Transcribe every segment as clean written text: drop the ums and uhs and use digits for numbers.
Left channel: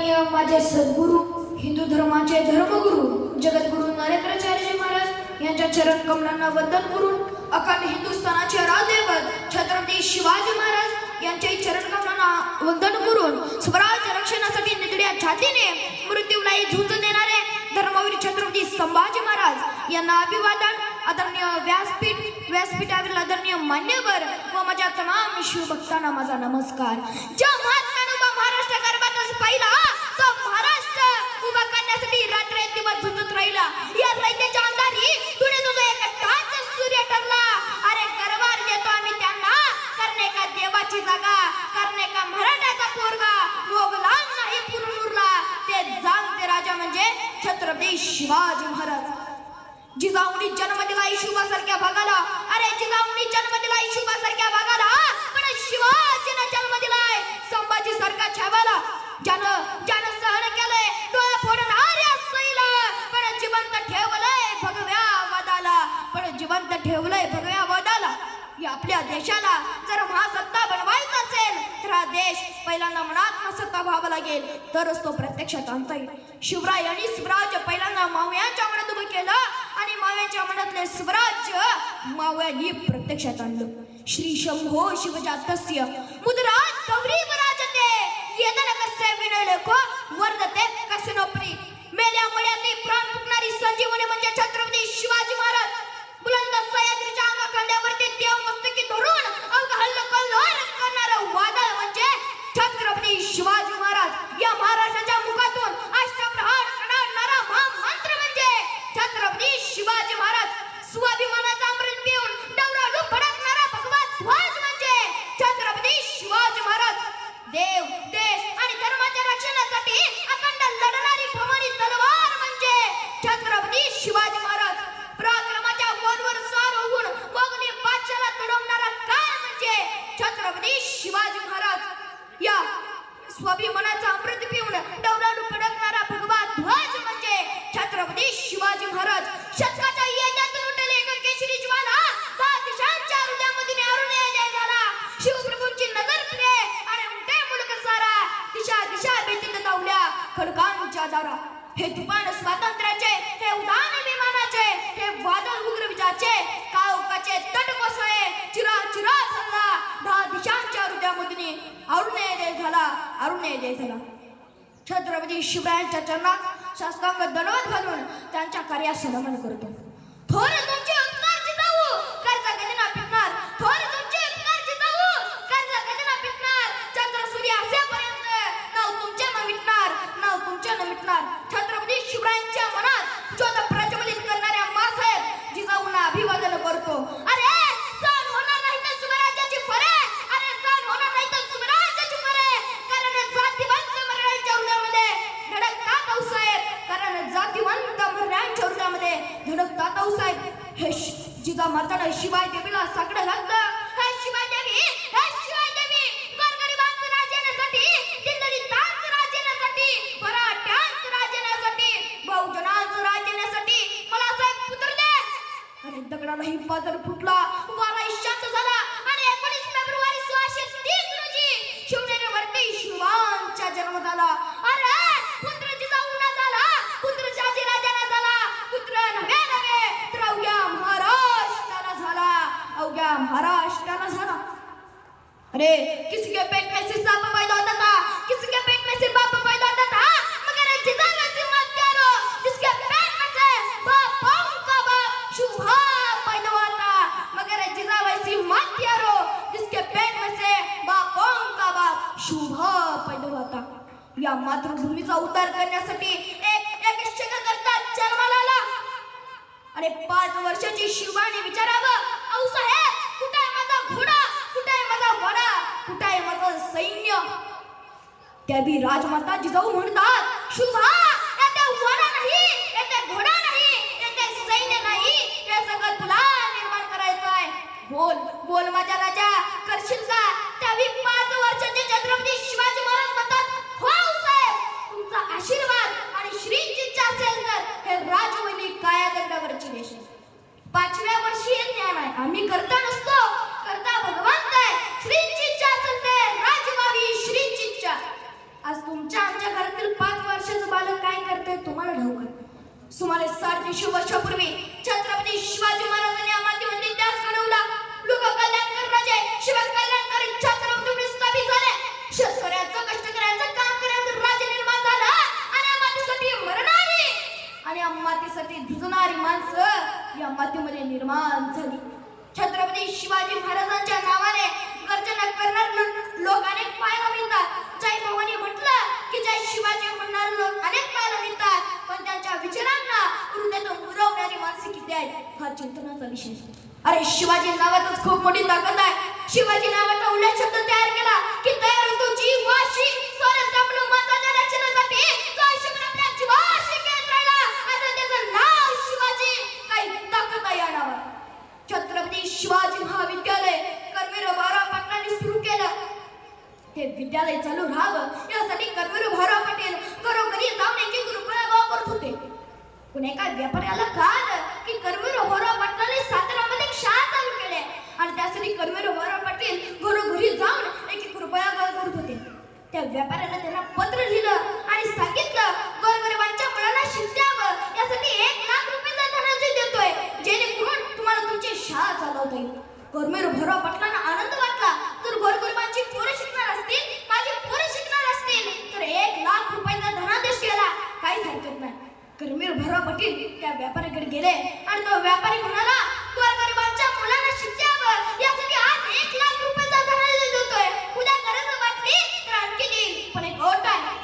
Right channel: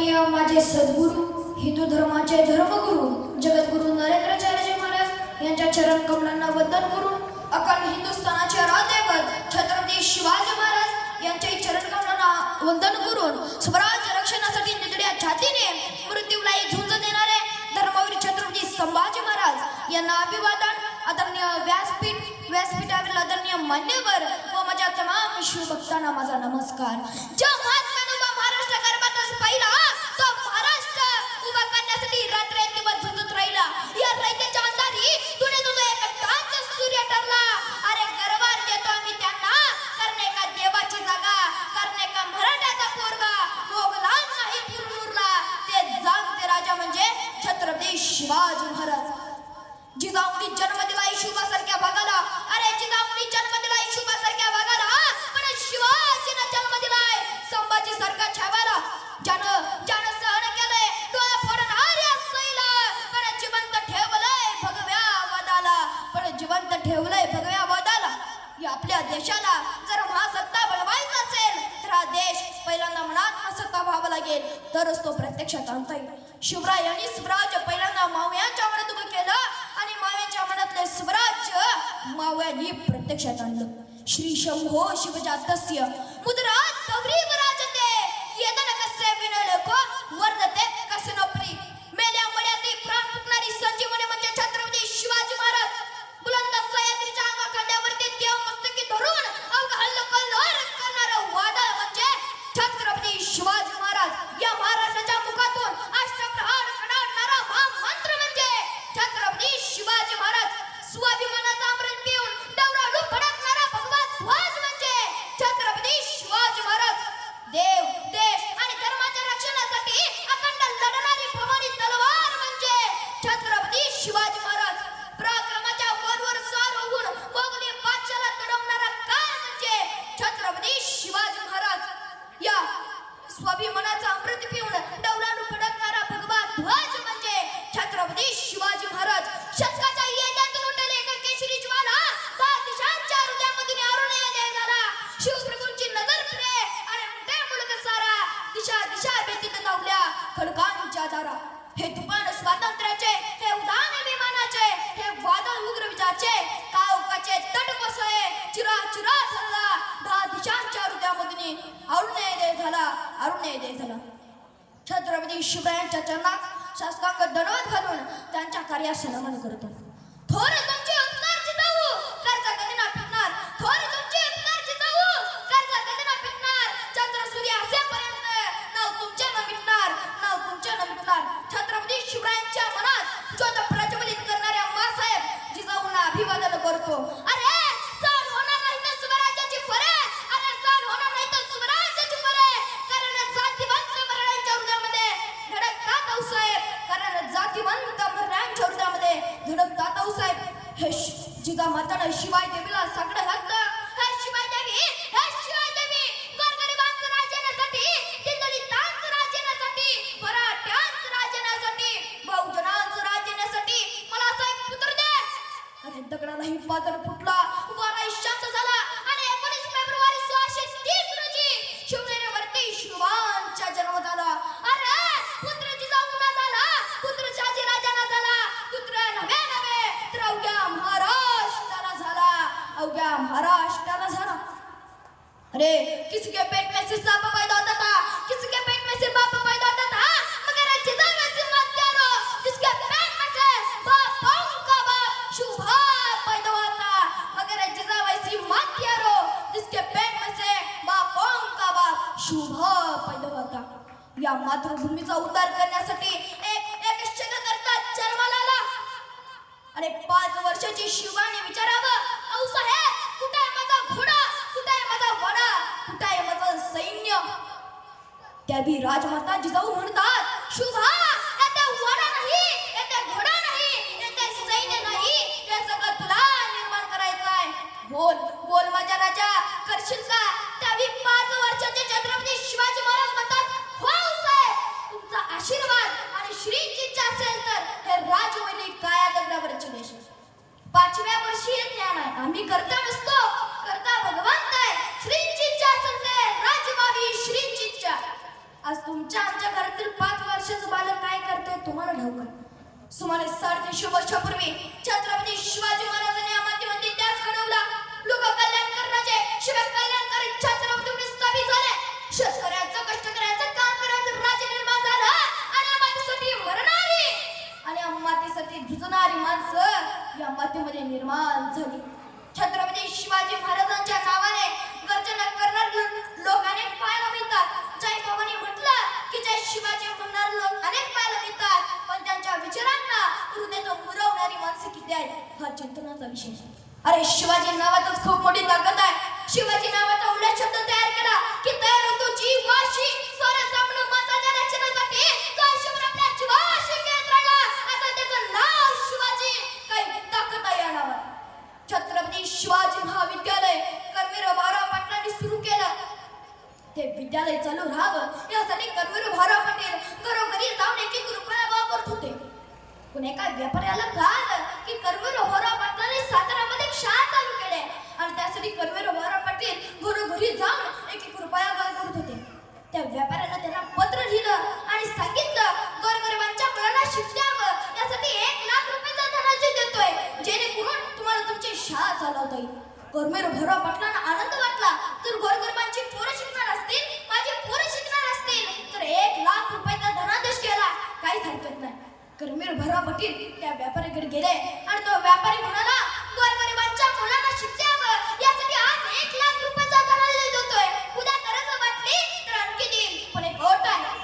वंदनीय माझे सद्गुरू हिंदू धर्माचे धर्मगुरू जगद्गुरू नरेंद्राचार्य महाराज यांच्या चरण कमलांना वंदन करून अखंड हिंदुस्थानाचे आराध्यदैवत छत्रपती शिवाजी महाराज यांच्या चरण कमलांना वंदन करून स्वराज्य रक्षणासाठी निधड्या छातीने मृत्यूलाही झुंज देणारे धर्मवीर छत्रपती संभाजी महाराज यांना अभिवादन. आदरणीय व्यासपीठावरील आदरणीय मान्यवर व माझ्या तमाम शिवभक्तांना माझा नमस्कार. ज्या महात्म्याने उभा महाराष्ट्र गर्भातच पाहिला तो महाराष्ट्र उभा करण्यासाठी रात्रंदिवस झुंजत राहिला. या रयतेच्या अंधारी तुने तुझा एक टाच सूर्य ठरला. अरे गर्वार देतो आम्ही त्यांना करणे का देवाची जागा करणे का मराठाचा पोरगा मोगला नाही पुरमुरला ते जागते राजा म्हणजे छत्रपती शिवाजी महाराज. जिजाऊनी जन्म दिला शिवासारख्या भागाला. अरे जिजाऊनी जन्म दिला शिवासारख्या भागाला पण शिवाजीने जन्म दिलाय संभाजी सारखा छावाला. ज्यानं सहन केलंय डोळा फोडणाऱ्या सैला पण जिवंत ठेवलंय भगव्या वादाला ठेवलंय भगव्या वादाला. या आपल्या देशाला जर महासत्ता बनवायचा असेल तर हा देश पहिल्यांदा मनात सत्ता व्हावा लागेल तरच तो प्रत्यक्षात आणता येईल. शिवराय आणि स्वराज्य पहिल्यांदा मावळ्यांच्या मनात उभं केलं आणि मावळ्यांच्या मनातले स्वराज्य मावळ्यांनी प्रत्यक्षात आणलं. श्री शंभो शिवजातस्य मुद्रा गौरी विराजते येदन कस्य विनयलेखो वर्धते कसिनोपरी. मेल्या मळ्यातली प्राण फुकणारी संजीवनी म्हणजे छत्रपती शिवाजी महाराज. बुलंद सह्याद्रीच्या अंगाखांद्यावरती देव मस्तकी धरून अवघा हल्लकल्लोळ करणारं वादळ म्हणजे छत्रपती शिवाजी महाराज. या महाराष्ट्राच्या मुखातून अष्टप्रहार काढणारा महामंत्र म्हणजे छत्रपती शिवाजी महाराज. स्वाभिमानाचा अमृत पिऊन डवराडू फडकणारा भगवा ध्वज म्हणजे छत्रपती शिवाजी महाराज. देव देश आणि धर्माच्या रक्षणासाठी अखंड लढणारी भवानी तलवार म्हणजे छत्रपती शिवाजी महाराज. पराक्रमाच्या वरवर स्वार होऊन मोगली बादशाला तुडवणारा काळ म्हणजे छत्रपती शिवाजी महाराज. या स्वाभिमानाचा अमृत पिऊन डवराडू फडकणारा भगवा ध्वज म्हणजे छत्रपती शिवाजी महाराज. शतकाच्या येण्यातून उठले एक केशरी ज्वाला बादशांच्या हृदयामधून अरुणोदय झाला. शिवप्रभूंची नजर फिरे आणि उमटे मुलक सारा दिशा दिशा भीतीत धावल्या खडकांच्या दारा. हे तुफान स्वातंत्र्याचे हे उडान विमानाचे हे वादळ उग्र विजाचे कावकाचे तट कोसळे चिरा चिरा ठरला 10 दिशांच्या हृदयामधून अरुणोदय झाला. छत्रपती शिवरायांच्या चरणात शास्त्रांग दंडवत घालून त्यांच्या कार्यास नमन करतो. थोर तुमचे उपकार जिजाऊ कर्ज कधी ना पिकणार. थोर तुमचे उपकार जिजाऊ कर्ज कधी ना पिकणार. चंद्र सूर्य असेपर्यंत नाव तुमचे न मिटणार. छत्रपती शिवरायांच्या मनात ज्योत प्रज्वलित करणाऱ्या मासाहेब जिजाऊंना अभिवादन करतो. अरे सण होणार नाही तर स्वराज्याची फरे. अरे सण होणार नाही तर स्वराज्याची फरे. कारण जातीवंत मराठ्यांच्या हृदयामध्ये धडकतात आऊसाहेब. हे जिजा माताने शिवाय देवीला साकडं घातलं. हे शिवाय देवी गोरगरिबांचं राज्यासाठी दिल्लीतांचं राज्यासाठी मराठ्यांचं राज्यासाठी बहुजनांचं राज्यासाठी मला असं एक पुत्र दे. आणि दगडालाही पाजर फुटला वाराही शांत झाला आणि 19 फेब्रुवारी 1630 रोजी शिवनेरीवरती शिवांचा जन्म झाला. अरे पुत्र जिजाऊना झाला पुत्र शाजी राजाना झाला पुत्र नव्हे तर अवघ्या महाराष्ट्राला झाला. अरे किसी के पेट में से सांप पैदा होता था किसी के पेट में से बाप पैदा होता था मगर जिजाऊ ऐसी मत करो जिसके पेट में से बापों का बाप शुभा पैदा हुआ था. मगर जिजाऊ ऐसी मत करो जिसके पेट में से बापों का बाप शुभा पैदा हुआ था. या मातृभूमीचा उद्धार करण्यासाठी एक शिक्षककर्ता जन्माला आला. अरे 5 वर्षाची शिवाने विचारावं आऊसाहेब कुठे आहे माझा घोडा कुठे आहे माझा वाडा कुठे आहे माझं सैन्य. त्याबी राजमाता जिजाऊ म्हणतात शुभा येथे वाडा नाही येथे घोडा नाही येथे सैन्य नाही हे सगळं तुला निर्माण करायचं आहे. बोल माझा राजा करशील का. त्याबी 5 वर्षाचे छत्रपती शिवाजी महाराज म्हणतात हो आऊसाहेब तुमचा आशीर्वाद आणि श्रींची इच्छा असेल तर हे राजवैली काया दगडावरची देश आहे. 5व्या वर्षी हे ज्ञान आहे. आम्ही करता नसतो करता भगवंत आहे. श्रींची इच्छा असेल ते राजवावी श्रींची इच्छा. आज तुमच्या आमच्या घरातील 5 वर्षाचं बालक काय करतंय तुम्हाला ठाऊक आहे. सुमारे 350 वर्षापूर्वी छत्रपती शिवाजी महाराजांनी मातीमध्ये त्यास घडवला. लोक कल्याणकर राजे शिवाय कल्याणकारी छत्रपती स्थापित झाले. शेतकऱ्यांचं कष्टकऱ्यांचं काम करण्याचं राज्य निर्माण झालं आणि मातीसाठी मरणारी आणि मातीसाठी झुंजणारी माणसं या मातीमध्ये निर्माण झाली. छत्रपती शिवाजी महाराजांच्या नावाने गर्जना करणारे लोक अनेक पाहायला मिळतात. जय भवानी म्हटलं की जय शिवाजी म्हणणारे लोक अनेक पाहायला मिळतात. पण त्यांच्या विचारांना हृदयात मुरवणारी माणसं किती आहेत हा चिंतनाचा विषय. अरे शिवाजी नावातच खूप मोठी ताकद आहे. शिवाजी नावाचा उल्लेख शब्द तयार केला की तयार होतो जीव वाशी स्वरसामन माझ्या रक्षणासाठी आयुष्यभर आपल्या जीवाशी खेळत राहिला. आता त्याचं नाव शिवाजी. काही ताकद आहे या नावात. छत्रपती शिवाजी महाविद्यालय कर्मवीर भाऊराव पाटलांनी सुरू केलं. ते विद्यालय चालू राहावं यासाठी कर्मवीर भाऊराव पाटील घरोघरी जाऊन 1-1 रुपया गोळा करत होते. पण एका व्यापाऱ्याला कळलं की कर्मवीर भाऊराव पाटलांनी साताऱ्यामध्ये एक शाळा चालू केली आणि त्यासाठी कर्मवीर भाऊराव पाटील घरोघरी जाऊन 1-1 रुपया गोळा करत होते. त्या व्यापाऱ्यानं त्यांना पत्र लिहिलं आणि सांगितलं गोरगरिबांच्या मुलांना शिक्षावं यासाठी 1 लाख रुपयाचा धनादेश देतोय जेणेकरून तुम्हाला तुमची शाळा चालवता येईल. कर्मवीर भाऊराव पाटलांना आनंद वाटला. जर गोरगरिबांची पोरं शिकणार असतील माझी पोरं शिकणार असतील तर 1 लाख रुपयाचा धनादेश केला काहीच हरकत नाही. कर्मवीर भाऊराव पाटील त्या व्यापाऱ्याकडे गेले आणि तो व्यापारी म्हणाला गोरगरिबांच्या मुलांना शिक्षावं यासाठी आज 1 लाख रुपयाचा धनादेश देतोय. उद्या गरज वाटली तर आणखी देईल पण एक अट आहे.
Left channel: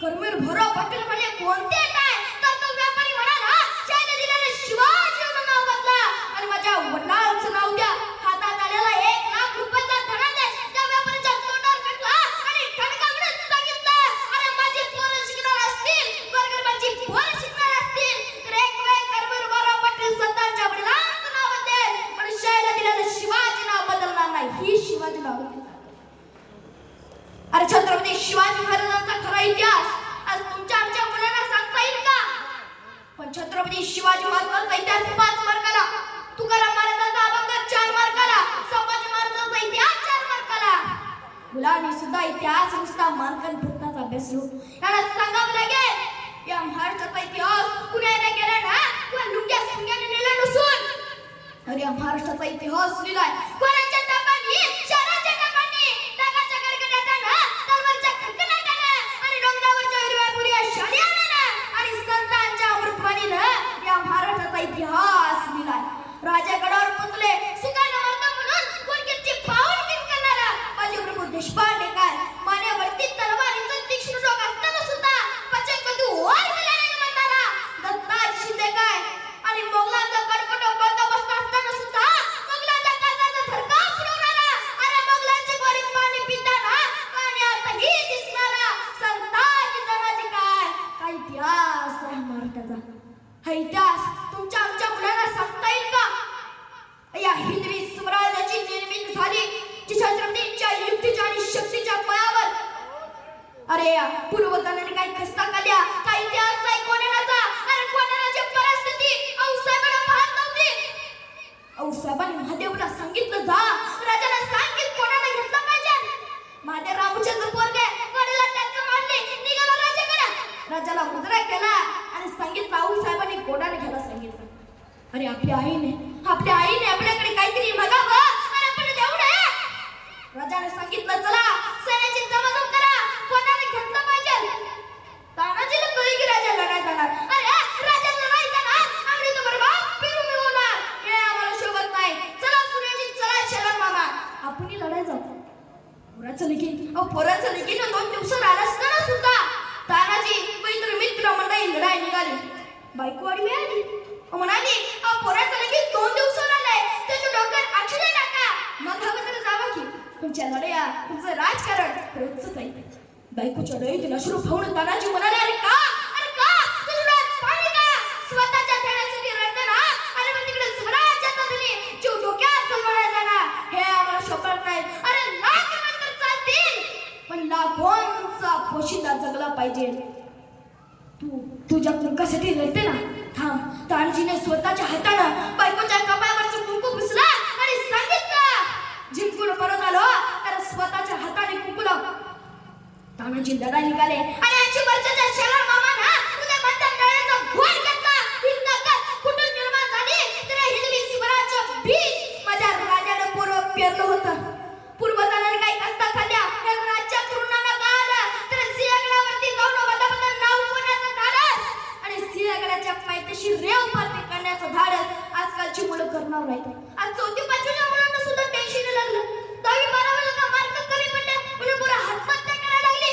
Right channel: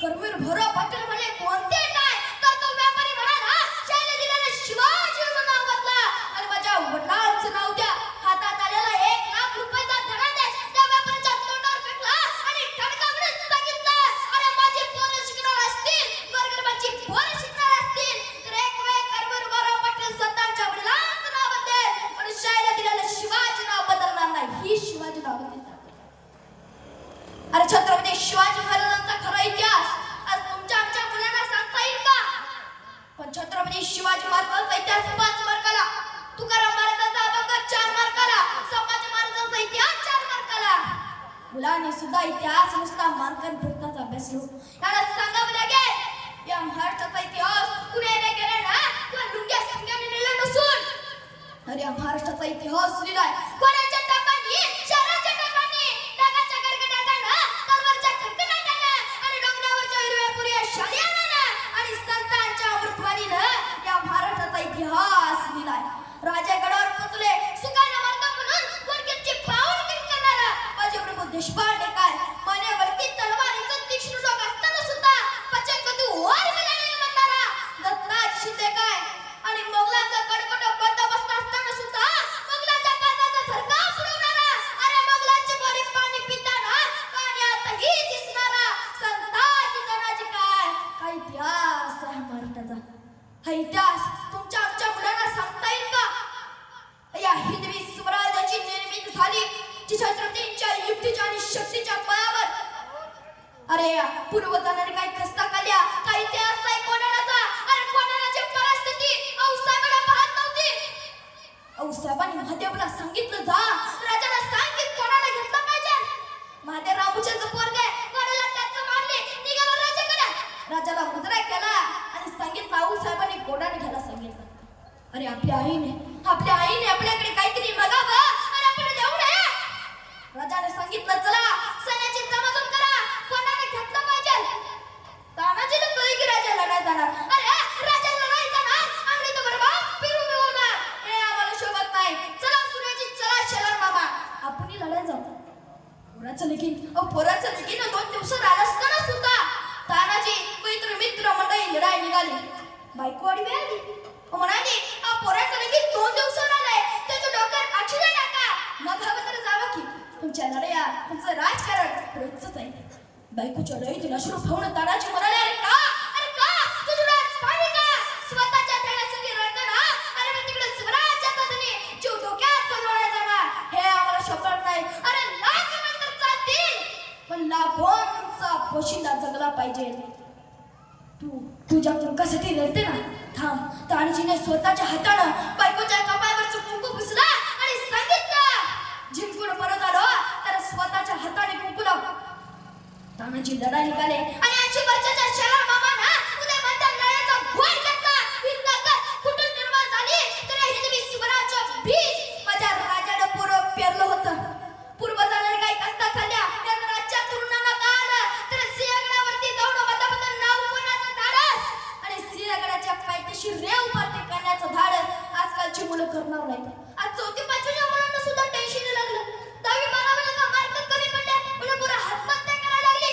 कर्मवीर भाऊराव पाटील म्हणे कोणती अट आहे? तर तो व्यापारी म्हणाला शाळेला दिलेलं शिवाजी म्हणून नाव बदला आणि माझ्या वडिलांचं नाव द्या. हातात आलेला 1 लाख रुपयाचा धनादेश त्या व्यापाऱ्याच्या तोंडावर फेकला आणि ठणकावून सांगितलं अरे माझी पोरं शिकणार असतील गोरगरिबांची पोरं शिकणार असतील तर एक वेळ कर्मवीर भाऊराव पाटील स्वतःच्या वडिलांचं नाव बदलेल पण शाळेला दिलेलं शिवाजी नाव बदलणार नाही. ही शिवाजी नाव बदलणार. अरे छत्रपती शिवाजी महाराजांचा खरा इतिहास आज तुमच्या आमच्या मुलांना सांगता येईल का? पण छत्रपती शिवाजी महाराजांचा इतिहास 5 मार्काला, तुकाराम महाराजांचा अभंग 4 मार्काला, संभाजी महाराजांचा इतिहास 4 मार्काला. मुलांनी सुद्धा इतिहास नुसता मानकांपुरताच अभ्यास नको. याला सांगावं लागेल या महाराष्ट्राचा इतिहास कुणाने केला ना किंवा लुंग्या सुंग्याने नेला नसून अरे या महाराष्ट्राचा इतिहास लिहिलाय कोणाच्या तापांनी शहराच्या तापांनी टाकाच्या गडगडाटानं तलवारच्या खडखडाटानं आणि डोंगरावरच्या हिरव्यापुऱ्या शालियानं आणि संतांच्या अमृतवाणीनं या महाराष्ट्राचा इतिहास लिहिलाय. राजागडावर पोचले सुखानं मरतो म्हणून गुणगिरची पावनगिरी करणारा बाजीप्रभू देशपांडे काय मानेवरती तलवारीचं तीक्ष्ण डोक असताना सुद्धा पचनबंधू ओर गेला नाही म्हणणारा दत्ताजी शिंदे काय आणि मोगलांचा कडकड बंदोबस्त असताना सुद्धा मोगलांच्या काळजाचा थरकाप उडवणारा अरे मोगलांची गोडी पाणी पिताना पाण्यातही दिसणारा संताजी तानाजी काय इतिहास आहे महाराष्ट्राचा. हा इतिहास तुमच्या आमच्या मुलांना सांगता येईल का? या हिंदवी स्वराज्याची निर्मिती झाली जी छत्रपतींच्या युक्तीच्या आणि शक्तीच्या बळावर. अरे पूर्वजांनी काही खस्ता काढल्या काही इतिहास नाही कोणाचा. अरे कोणाची परिस्थिती औसाहेबाला पाहत नव्हती. औसाहेबांनी महादेवला सांगितलं जा राजाला सांग की कोणाला घेतलं पाहिजे. महादेव रामूचं पोरगे कोणाला त्याचं मारले निघाला राजाकडे. राजाला मुजरा केला आणि सांगितलं औसाहेबांनी कोणाला घ्यायला सांगितलं. अरे आपल्या आईने आपल्याकडे काहीतरी मागावं आणि आपण देऊ नये. राजाने सांगितलं चला सैन्याची जमाजम करा कोणाने घेतलं पाहिजे. तानाजीला कळलं की राजा लढाई जाणार. अरे राजा लढाई जाणार आम्ही तर बरबाद फिरून होणार हे आम्हाला शोभत नाही. चला सूर्याची चला शेलार मामा आपण लढाई जाऊ. पोराचं लगीन 2 दिवस राहिला असताना सुद्धा तानाजी मित्र मंडळी लढाई निघाली. बायकोवाडी मिळाली म्हणाली पोराचं लगीन 2 दिवस राहिलंय त्याच्या डोक्यात अक्षरे टाका मग हवं तर जावं की तुमच्या लढाया तुमचं राजकारण रोजच आहे. बायकोच्या डोळ्यातून अश्रू पाहून तानाजी म्हणाले अरे का तुझं डोळ्यात पाणी का? स्वतःच्या खेळण्यासाठी रडतं ना अरे पण तिकडे स्वराज्याचा धनी जीव धोक्यात घालवला जाणार हे आम्हाला शोभत नाही. अरे लाख नंतर चालतील पण लाखोंचा पोशिंदा जगला पाहिजे. तू तुझ्या कुंकासाठी रडते ना थांब. तानाजीने स्वतःच्या हातानं बायकोच्या कपाळावरचं कुंकू पुसला आणि सांगितलं जिंकून परत आलो तर स्वतःच्या हाताने कुंकू लाव. तानाजी लढाई निघाले आणि 80 वर्षाच्या शरण मामाना उदय म्हणतात नळ्याचा घोर घेतला. ही ताकद कुठून निर्माण झाली तर हिंदवी स्वराज्य बीज माझ्या राजाने पूर्व पेरलं होतं. पूर्वजांनी काही कष्टा खाल्ल्या त्या राज्यात तरुणांना कळालं तर सिंहगडावरती जाऊन बदबदन नाव कोणाचं धाडस आणि सिंहगडाच्या पायथ्याशी रेव भरती करण्याचं धाडस आजकालची मुलं करणार नाहीत. आज 4थी 5वीच्या मुलांना सुद्धा टेन्शन लागलं. 10वी 12वीला का मार्क कमी पडले म्हणून पुरा आत्महत्या करायला लागली.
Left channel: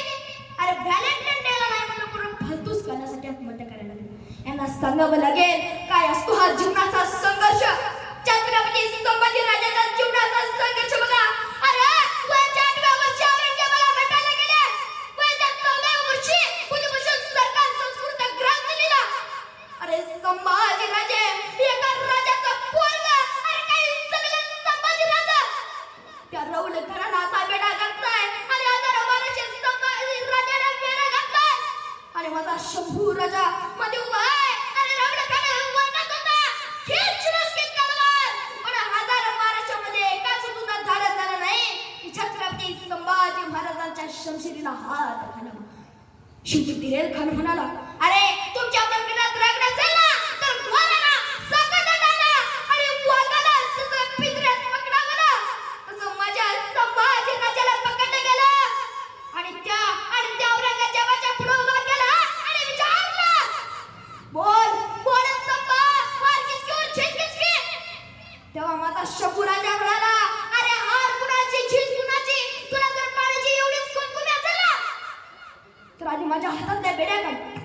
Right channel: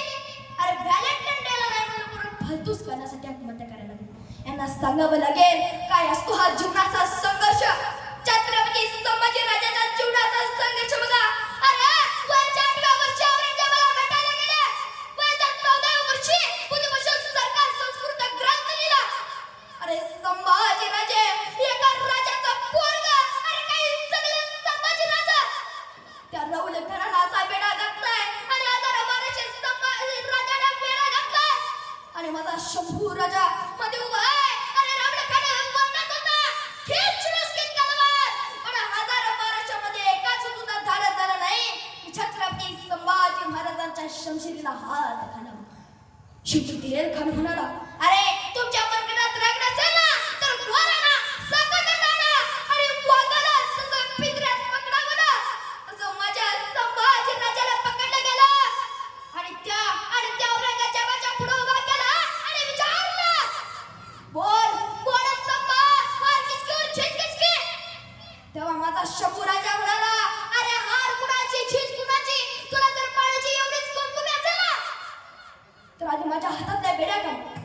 अरे व्हॅलेंटाईन डेला नाही म्हणून पुरा फालतूच करण्यासाठी आत्महत्या करायला लागली. यांना सांगावं लागेल काय असतो हा जीवनाचा संघर्ष. छत्रपती संभाजी राजाचा जीवनाचा संघर्ष बघा. अरे वयाच्या 8व्या वर्षी औरंगजेबाला भेटायला गेले. वयाच्या 14व्या वर्षी बुधभूषण सरकार संस्कृत ग्रंथ लिहिला. अरे संभाजी राजे एका राजाचा पोरगा. अरे काय जगलं संभाजी राजा. त्या रौल घराण्याचा वेडा घातलाय आणि आता महाराष्ट्र संभाजी राजाने वेडा घातलाय आणि माझा शंभू राजा मध्ये उभा आहे. अरे रौल घराणा वरणात होता. खिच मुस्कित तलवार पण हजार महाराष्ट्रामध्ये एकाच सुद्धा धाडस झाला नाही की छत्रपती संभाजी महाराजांच्या शमशिरीला हात घालावा. शेवटी दिलेर खान म्हणाला अरे तुमच्या मनगटात राग नसेल ना तर ढोराला सकटात आणा आणि वाघाला जसं पिंजऱ्यात पकडावं ना तसं माझ्या संभाजी राजाला पकडलं गेलं आणि त्या औरंगजेबाच्या पुढे उभा केला आणि विचारलं बोल बोल संभा हार किसकी और जीत किसकी. तेव्हा माझा शंभू राजा म्हणाला अरे हार कुणाची जीत कुणाची तुला जर पाण्याची एवढीच कुमकुमी असेल ना तर आधी माझ्या हातातल्या बेड्या काढ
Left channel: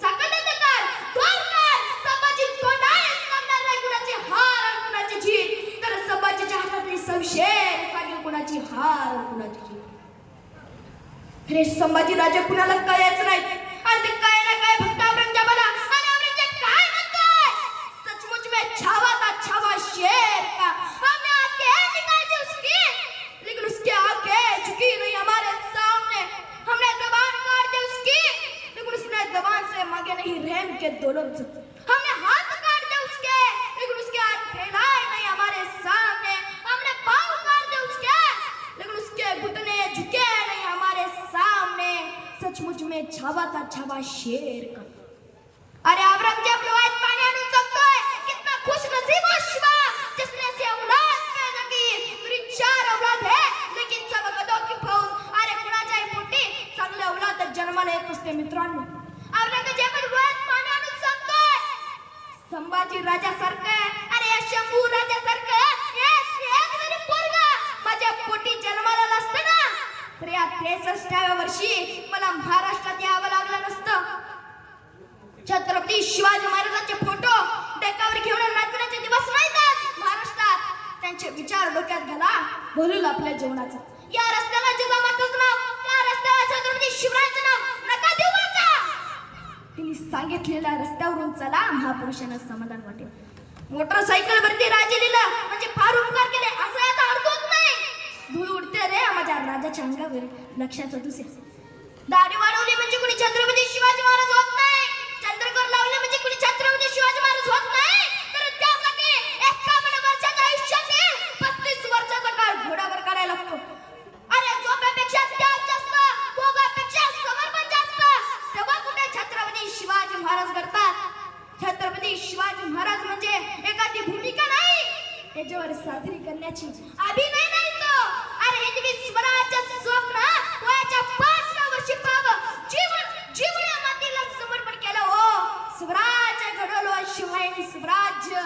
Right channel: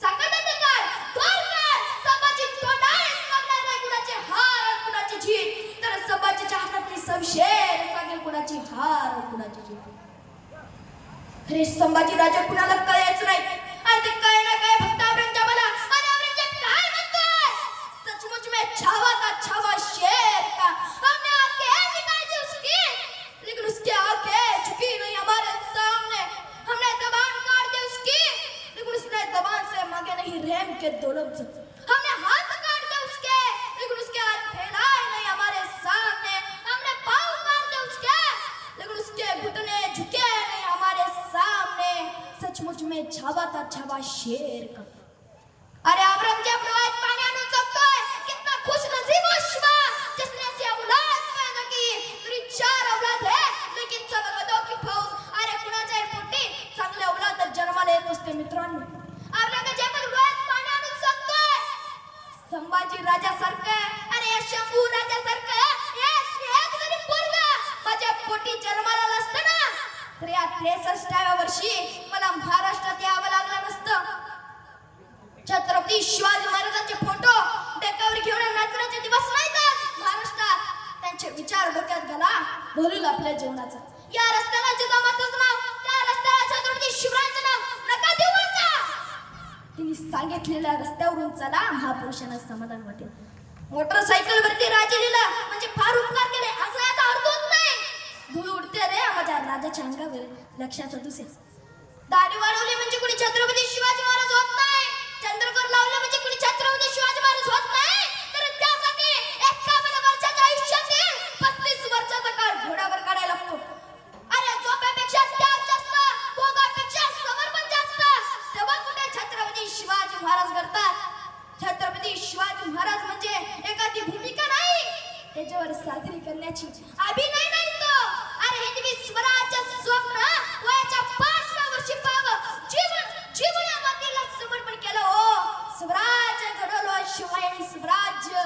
सकटात काढ तोड काढ. संभाजी तोंडाने सांगणार नाही कुणाची हार आणि कुणाची जीत तर संभाजीच्या हातातली शमशेर सांगेल कुणाची हार आणि कुणाची जीत. खरे संभाजी राजा कुणाला कळायचं नाही आणि ते काय ना काय फक्त औरंगजेबाला. आणि औरंगजेब काय म्हणतोय सचमुच में छावा था छावा शेर का हमने आपके निकाल दी उसकी लेकिन उसकी आंखें झुकी नहीं हमारे सामने. हमने जबान काट दी उसकी लेकिन उसने जबान से मांगे नहीं रहम के दो लफ्ज. हमने हाथ काट दिए उसके लेकिन उसके हाथ फैलाए नहीं हमारे सामने. हमने पाँव काट दिए उसके लेकिन उसके घुटने झुके नहीं हमारे सामने. सचमुच में छावा था छावा शेर का. अरे औरंगजेब लोहात पाणी आणून जगतोय. कितना खुश नसीब हो शिवा जिसने से औलाद पैदा की. मेरी 4 औलाद है लेकिन सब गधों की फौज. अरे कुणाच्याही पोटी चांगले औलाद जन्माला येत असते मित्रांनो. औरंगजेब लोहात पाणी आणून जगतोय. संभाजी राजासारखं अरे या शंभू राजासारखं एक जरी पोरगा माझ्या पोटी जन्माला नसतं ना तर या 63व्या वर्षी मला महाराष्ट्रात यावं लागलं नसतं. छत्रपती शिवाजी महाराजांचे फोटो डेकावर घेऊन नाचण्याचे दिवस नाहीत महाराष्ट्रात. त्यांचे विचार डोक्यात घाला बोलूल आपल्या जीवनाचा. या रस्त्याला जिजामाताचं नाव त्या रस्त्याला छत्रपती शिवरायांचं नाव नका देऊ आता. तिने सांगितलेल्या रस्त्यावरून चला महापुरुषांना समाधान वाटेल. मोटरसायकल वरती राजे लिहिलं म्हणजे फार उपकार केले असं याचा अर्थ होत नाही. धूळ उडते रे माझ्या राजाच्या अंगावर लक्षात दुसऱ्या. दाढी वाढवली म्हणजे कुणी छत्रपती शिवाजी महाराज होत नाही. चंद्रकोर लावले म्हणजे कुणी छत्रपती शिवाजी महाराज होत नाही. तर त्यासाठी 51 वर्षाच्या आयुष्यातील 35 वर्षाचा काळ घोड्यावर काढायला लागतो. अरे झोपेपेक्षा त्याग जास्त भोगापेक्षा समर्पण जास्त. तेव्हा कुठे छत्रपती शिवाजी महाराज घडतात. छत्रपती शिवाजी महाराज म्हणजे एखादी भूमिका नाही त्याच्यावर साजरी करण्याची अभिनय नाही तो. अरे हिंदवी स्वराज्याचं स्वप्न वयाच्या 5व्या वर्षी जीवन या मातीला समर्पण केलं. हो स्वराज्य घडवलं शिवाय स्वराज्य.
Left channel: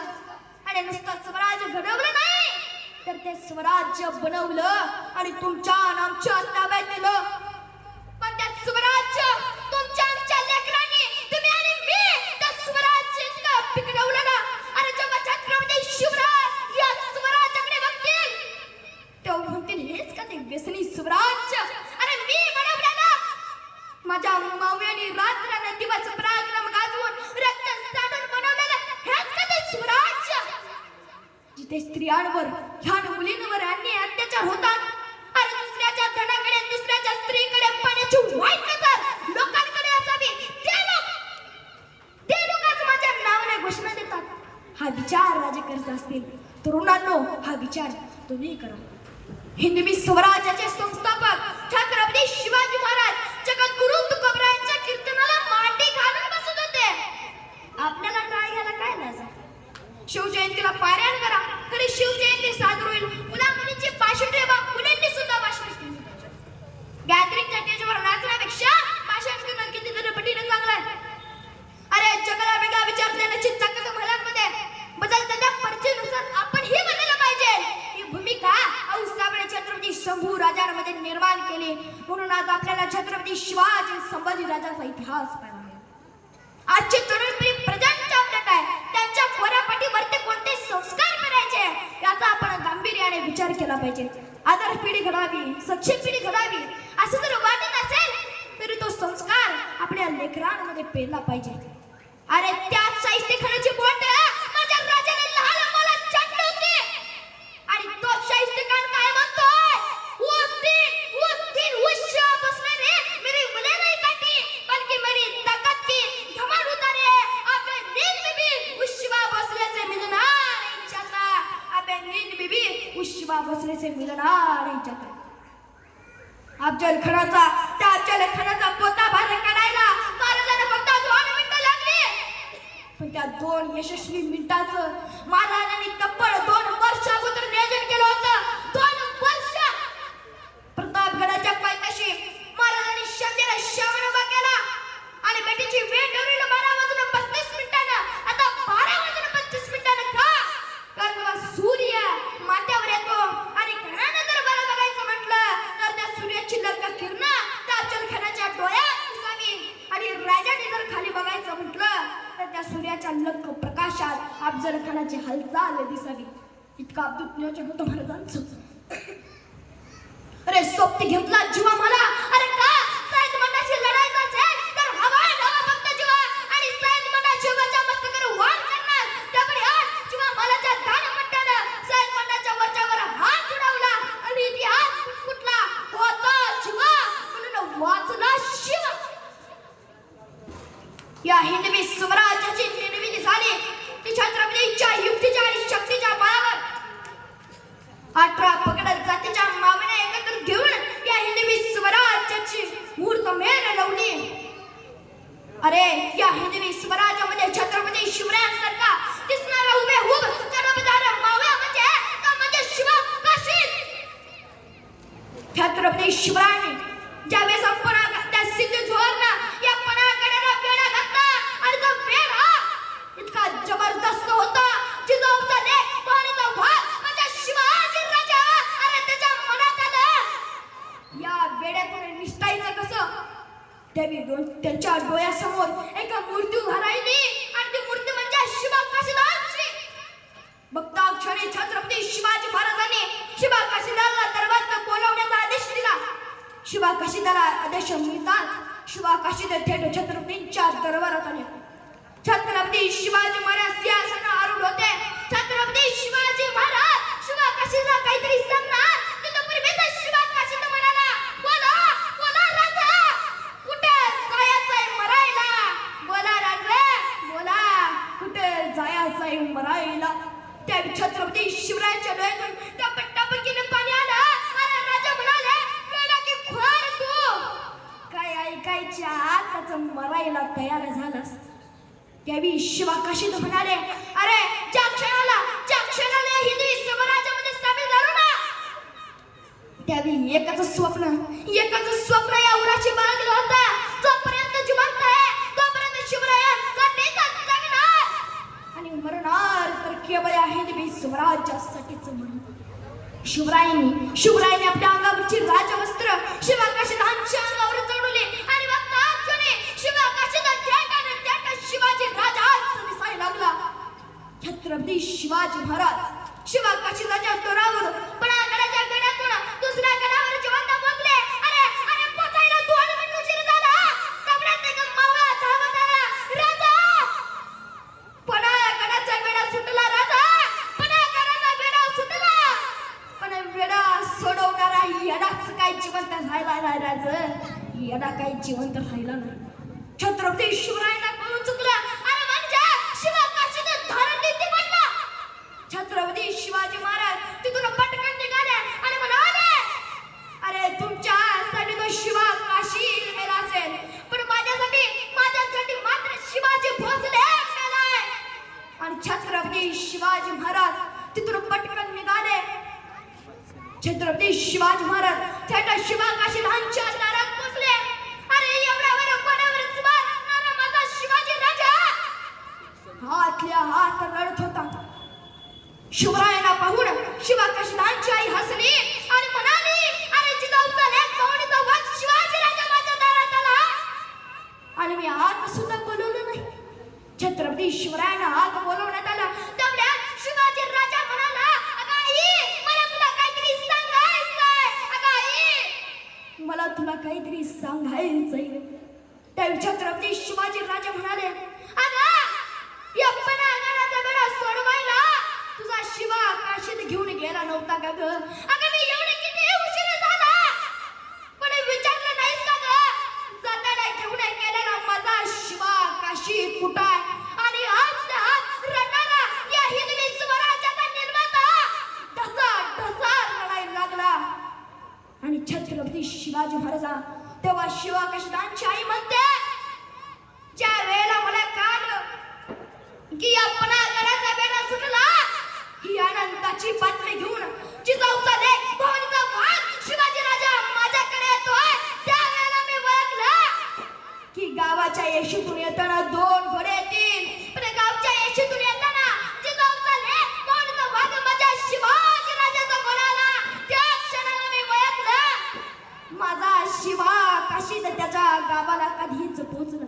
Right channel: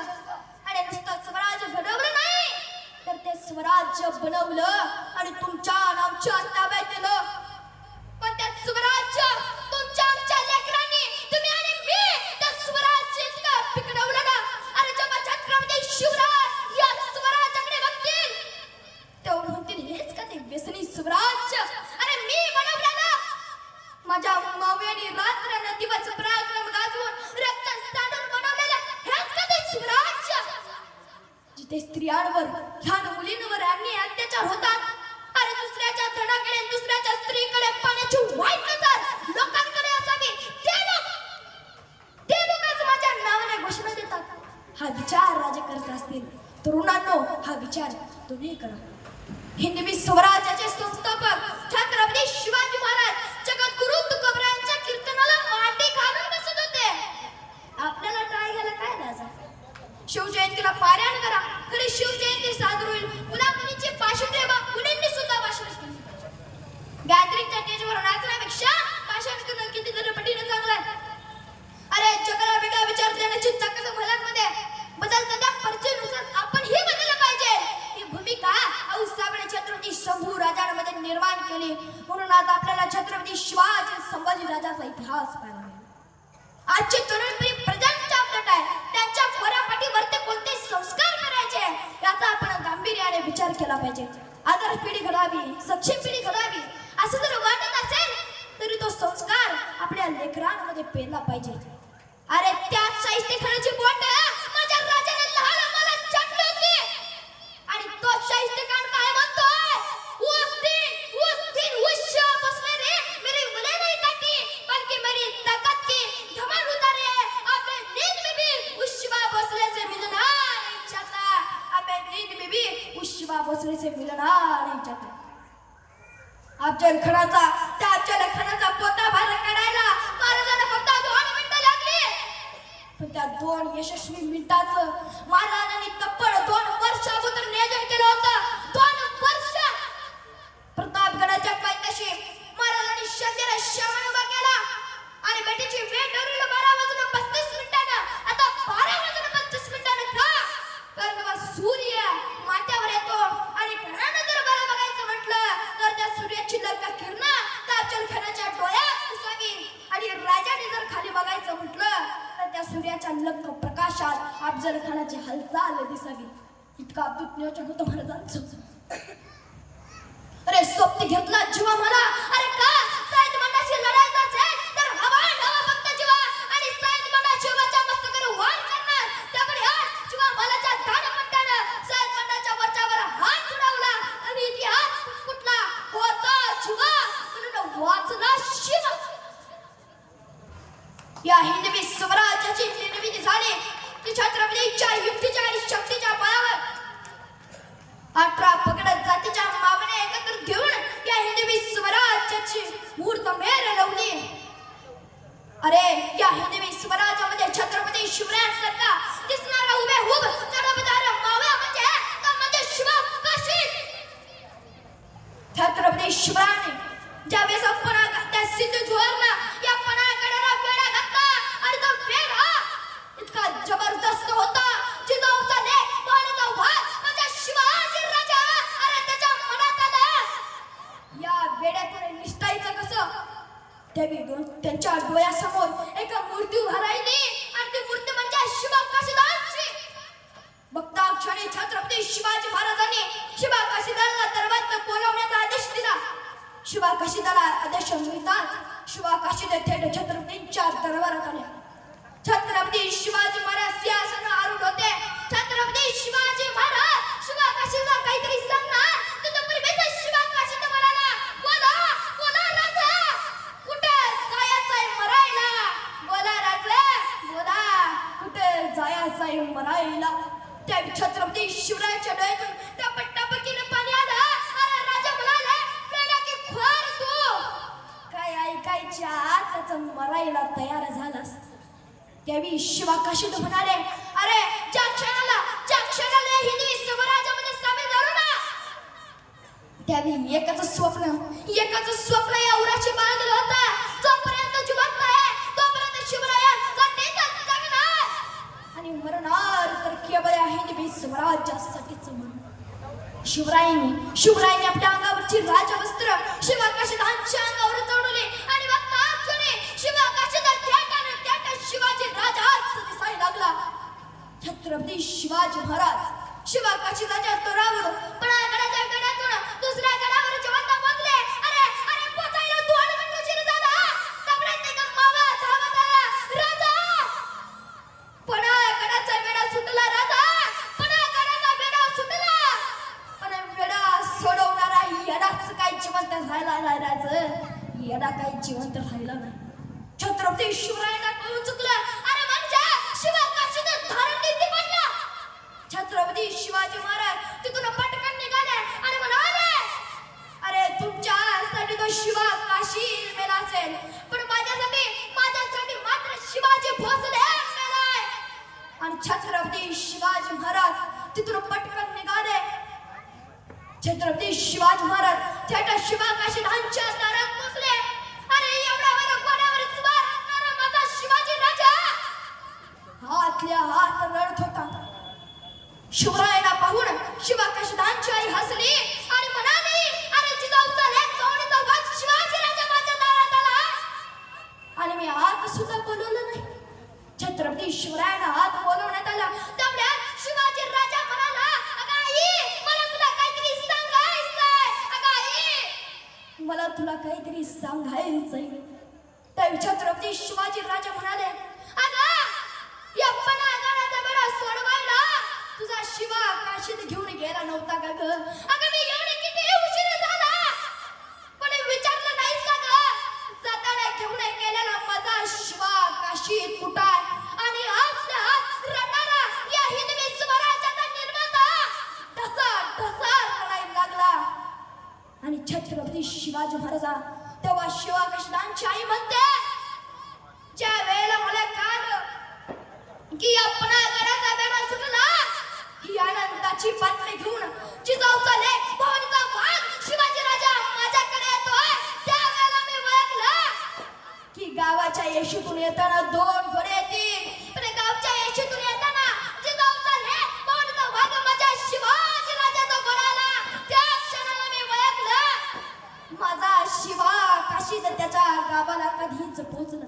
आणि नुसतं स्वराज्य घडवलं नाही तर ते स्वराज्य बनवलं आणि तुमच्या आमच्या ताब्यात दिलं. पण त्या स्वराज्य तुमच्या आमच्या लेकरांनी तुम्ही आणि मी त्या स्वराज्य इतकं पिकवलं ना. अरे जेव्हा छत्रपती शिवराय या स्वराज्याकडे बघतील तेव्हा म्हणतील हेच का ते व्यसनी स्वराज्य. अरे मी बनवलं ना माझ्या मावळ्यांनी रात्रन दिवस पराक्रम गाजवून रक्त सांडून बनवलेलं हेच का ते स्वराज्य. जिथे स्त्रियांवर लहान मुलींवर अन्याय अत्याचार होतात. अरे दुसऱ्याच्या धनाकडे दुसऱ्याच्या स्त्रीकडे पाण्याची वाईट नजर लोकांकडे असावी ते लोक आज माझ्या नावाने घोषणा देतात. हा विचार राजे करत असतील तरुणांनो हा विचार तुम्ही करा. हिंदवी स्वराज्याचे संस्थापक छत्रपती शिवाजी महाराज छत्रपती शिवाजी संभाजी राजाचा इतिहास पाहायला मिळेल. आजची तरुण पिढी प्रेझेंटच्या अपडेट आहे. त्यांच्या खोऱ्यापाठीवर ते कोणते संस्कार करायचे याचा आपण गांभीर्याने विचार केला पाहिजे. आदर्श पिढी घडावी, सक्षम पिढी घडावी असं जर वाटत असेल तरी तो संस्कार आपल्या लेकरांमध्ये पेरला पाहिजे. अरे त्या शाहिस्तेखानाची बोट माझ्या राजाने लहान मला छाटली होती आणि तो शाहिस्तेखान काय म्हणतोय, बसले रे मेरी मुले नहीं काटी बल्कि मेरी ताकत की धमाल उतारे. अबे नींद में भी उस शिवा भोसले से मिलना नहीं चाहता. अबे नींद में भी उस शिवा भोसले से मिलना नहीं चाहता. अफजल खानाचा पोता बाहेर काढायला महाराजांना फक्त 2 मिनिटं लागली. पण त्या 2 यशस्वी मिनिटाचं महाराजांनी तब्बल 2 वर्ष अगोदर नियोजन केलं होतं. 2 वर्ष प्रतापगडाच्या पायथ्याशी महाराजांनी शंभेला श्रावण उभा केला आणि बेटीची वेळ ठरवली 12:35 मिनिटानं. आता 12:35 मिनिटानं का? कारण जेव्हा सूर्य माथ्यावर येतो आणि घरानं जर बरं बघायचं म्हटलं तर त्या सूर्याची लग्न किरणं त्या अफजल खानाच्या डोळ्यात दिसावी आणि राजाने जर खाली बघायचं म्हटलं तर त्या सूर्याच्या लख प्रकाशात अफजल खानाची हालचाल दिसावी. इतका अद्भुत नियोजन होतं महाराजांचं. अरे सोबती घेतला जीवा मला. अरे का सैद मंडाशी लढायचं असेल तर हवा फक्त जीवा आणि सैद मंडा शिवाच्या मस्तकावर वार करणार. त्यामुळे आज जीवा मलाच्या दानपट्ट्यानं सैद मंडाच्या वरच्यावर हात उडवला आणि इतिहास कुठला होता जीवा म्हणून वाचला शिवा. या हिंदवी स्वराज्याची निर्मिती झाली ती छत्रपतींच्या युक्तीच्या आणि शक्तीच्या बळावर. 18 पगड जातीच्या मावण्या एकत्र घेऊन या हिंदवी स्वराज्याची मुहूर्त मेर लावली. अरे या हिंदवी स्वराज्यामध्ये छत्रपती शिवरायांसारखा दिसणारा हुबेहूब सर्वदार मावळा म्हणजे शिवा काशीद. छत्रपती शिवरायांनी ज्यावेळेस आपण त्या सिंधुदुर्गनं या पणागडाला वेढा घातला आणि तो वेढा इतका जबरदस्त होता. जिजाऊचा लेक पाण्याचा वाद म्हणजे शिवाजी राजा. अरे त्याच्या मनात आलं या वेड्यातून निष्ठायचं कसं. त्यांच्या डोळ्यासमोर एक मूर्ती उभा राहिली आणि ती मूर्ती म्हणजे शिवा काशीदांची. बघता क्षणी छत्रपती शिवाजी महाराजांनी शिवा काशीदाला दरबारात बोलावण्याचा आदेश दिला. शिवा काशीदाला आदेश मिळतात शिवा काशीद थेट छत्रपतींच्या दरबारात आले. छत्रपती शिवाजी महाराज सिंहासनावर आरूढ होते. छत्रपती शिवाजी महाराज शिवा काशीदला काहीतरी सांगणार तिथपर्यंत शिवा काशीद म्हणाला, बोला बोला राजा, कुठे जायचंय मरायला. बोला राजा बोला, कुठे जायचंय मरायला. त्या छत्रपती शिवरायांच्या डोळ्यातून टपटपकीने पाणी आलं. अरे राजा म्हणाले, वेडा की खोर तू काय ऐकायच्या आताच मरायला तयार झालास. त्यावेळी शिवा काशीद म्हणाले, अरे ज्या क्षणाला हिंदवी स्वराज्यामध्ये सामील झालो ना त्यावेळी एकच स्वप्न या उराशी बाळगलं होतं. जोपर्यंत जिवंत आहे तोपर्यंत शिवरायांसाठी जगणार आणि मरणार तर केवळ या हिंदवी स्वराज्यासाठीच मरणार. शिवरायांनी आपल्या अंगावरची राजवस्त्र शिवा काशीदांच्या अंगावर चढवली आणि बघता क्षणी शिवा काशीद शिवाजी राजाच दिसायला लागला. छत्रपती शिवाजी महाराज शिवा काशीदाच्या तोरावर पणागडाच्या गडातून दुसऱ्या गडावर जिवंत पोहोचले. अरे अरे पोचायला 2 मिनिट उशीर झाला. तेवढ्यात एक मावळा धावत आला. राजा पणागडाचा वेढा सुटला. राजा पणागडाचा वेढा सुटला. पण वेढा सोडवणारा येडाच काही जिवंत राहिला नाही. राजा येडा काही जिवंत राहिला नाही. छत्रपती शिवरायांना कळून चुकलं. अरे म्हणजे शिवा काशीद धारण किती पडला. छत्रपती शिवाजी महाराज तिथून पटकन निघाले आणि म्हणाले, अरे तुमच्यासाठी तो शिवा काशीद मेला असेल पण माझ्यासाठी मात्र शिवाजी भोसले मेलाय. आणि छत्रपती शिवाजी महाराज तिथून पटकन निघाले. छत्रपती शिवाजी महाराज थेट शिवा काशीदांच्या दारात पोहोचले. अरे एवढ्यावर कोणावर स्वार असणारा माझा शिवाजी राजा हातल्या हात रडत होता. शिवरायांना पाहून शिवा काशीदांची आई हसली आणि म्हणाली, अरे जिजाऊचा लेक पाहुणीचा वाद शिवाजी राजा माझ्या दारात आणि मी आत सुद्धा बोलवलं नाही. छत्रपती शिवरायांना आत बोलवण्यात आलं. त्यामुळे शिवाजी राजा म्हणाला, अगं आई, मला तुला काहीतरी सांगायचंय. अगं आई, मला तुला काहीतरी सांगायचंय. त्यावेळी छत्रपती शिवाजी राजा म्हणाले, अगं या पणागणाचा बेडा सोडवायला तुझा शिवा काशीत घेऊन गेला नव्हता का ग? अगं मी एवढे किती उशीर झाला पण विचारलं नाहीस का ग? जाताना घेऊन गेलेला माझा शिवा काशीत कुठं आहे? आणि आज रडणारा या हिंदवी स्वराज्याचा निर्माता ढसा ढसा रडायला लागला. आणि छत्रपती शिवाजी महाराजा तेव्हा शिवा काशीदांची आई म्हणते, ज्या वेळेला मला कळलं की या पणागडाचा बेडा सुटला, ही आनंदाची बातमी घेऊन जिजाऊचा लेक भवानीचा वाघ शिवाजी राजा माझ्याकडे येतोय, त्यावेळेला मी ओळखलं की गावाच्या येशीतून येताना 2 घोडे येतील. पण गावच्या येशीतून येताना जिजाऊचा लेक भवानीचा वाघ माझ्या शिवाजी राजाचा घोडा आला. त्या क्षणाला मी ओळखलं माझा शिवा काशीत त्याच्या गावाला कधीच पोहोचला.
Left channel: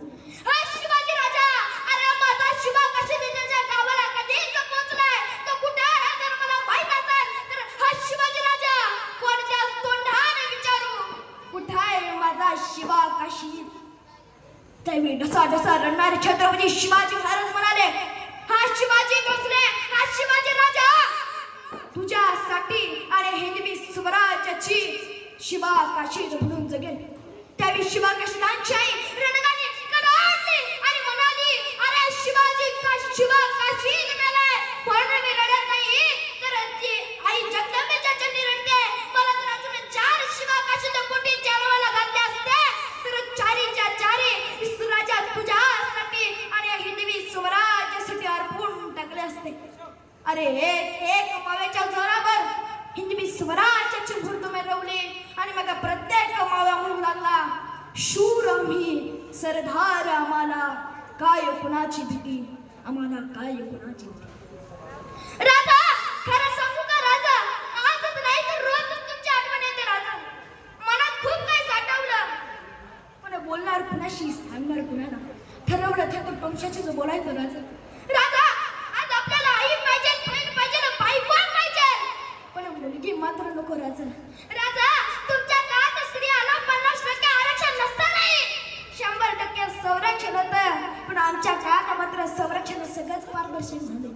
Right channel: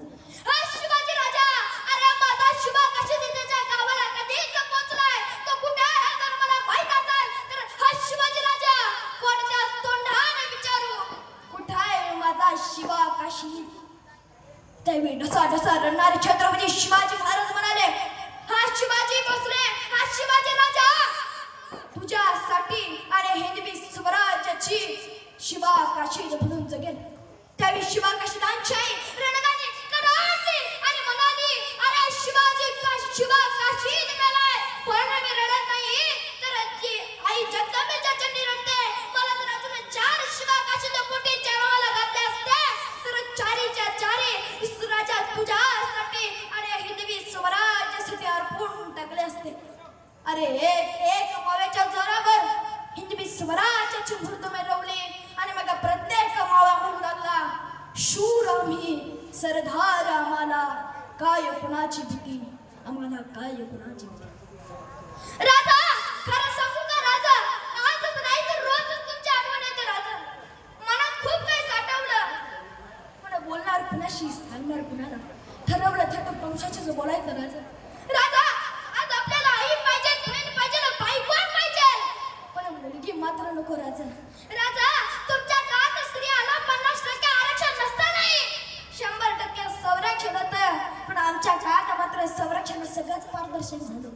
शिवाजी राजा, अरे माझा शिवा काशीत त्याच्या गावाला कधीच पोहोचलाय. तो कुठे आहे जर मला माहित असेल तर हा शिवाजी राजा कोणत्या तोंडाने विचारू, कुठे आहे माझा शिवा काशीत? त्यावेळी ढसा ढसा रडणारे छत्रपती शिवाजी महाराज म्हणाले, हा शिवाजी भोसले, हा शिवाजी राजा तुझ्यासाठी आणि हिंदवी स्वराज्याची शिवा काशीत म्हणून जगेल. त्यावेळी शिवा काशीदांची आई रणगाने कडाडली आणि म्हणाली, अरे शिवाजी शिवा काशीत मेलाय. पण मी रडत नाही, तर ती आई जगदंबेच्या चरणी रडते. मला तर अजून 4 शिवा काशीत पोटी जन्माला घातले असते तर 4च्या 4 राजा तुझ्यासाठी आणि हिंदवी स्वराज्यासाठी अर्पून टाकले असते. अरे एक माव्याच्या जोरावर हिंदवी स्वराज्याची भूर मिरवली आणि मग प्रत्येक मावा म्हणू लागला, शूर आम्ही, सरदार आम्हाला, काय कुणाची भीती, आम्हाला काय कुणाची भीती. राजा, खरं सांगू का राजा, आजच नाही तर रोजच तुमची आठवण येते राजा. मनात खूप काही साठवलं, पण बोलणार कुणाशी, सांगणार कुणाला? ठरवलं ते तर तुमच्याशीच बोलायचं राजा. राजा, आज आपल्याला आई पाहिजे, बहीण पाहिजे, बायको पाहिजे, पण मुलगी मात्र नको राजा. राजा, तुमच्या काळात स्त्रियाला 50% आरक्षण नसतं नाही, 100% संरक्षण होतं, पण आमच्या काळात मात्र संरक्षण सगळंच पारदर्शक झाले.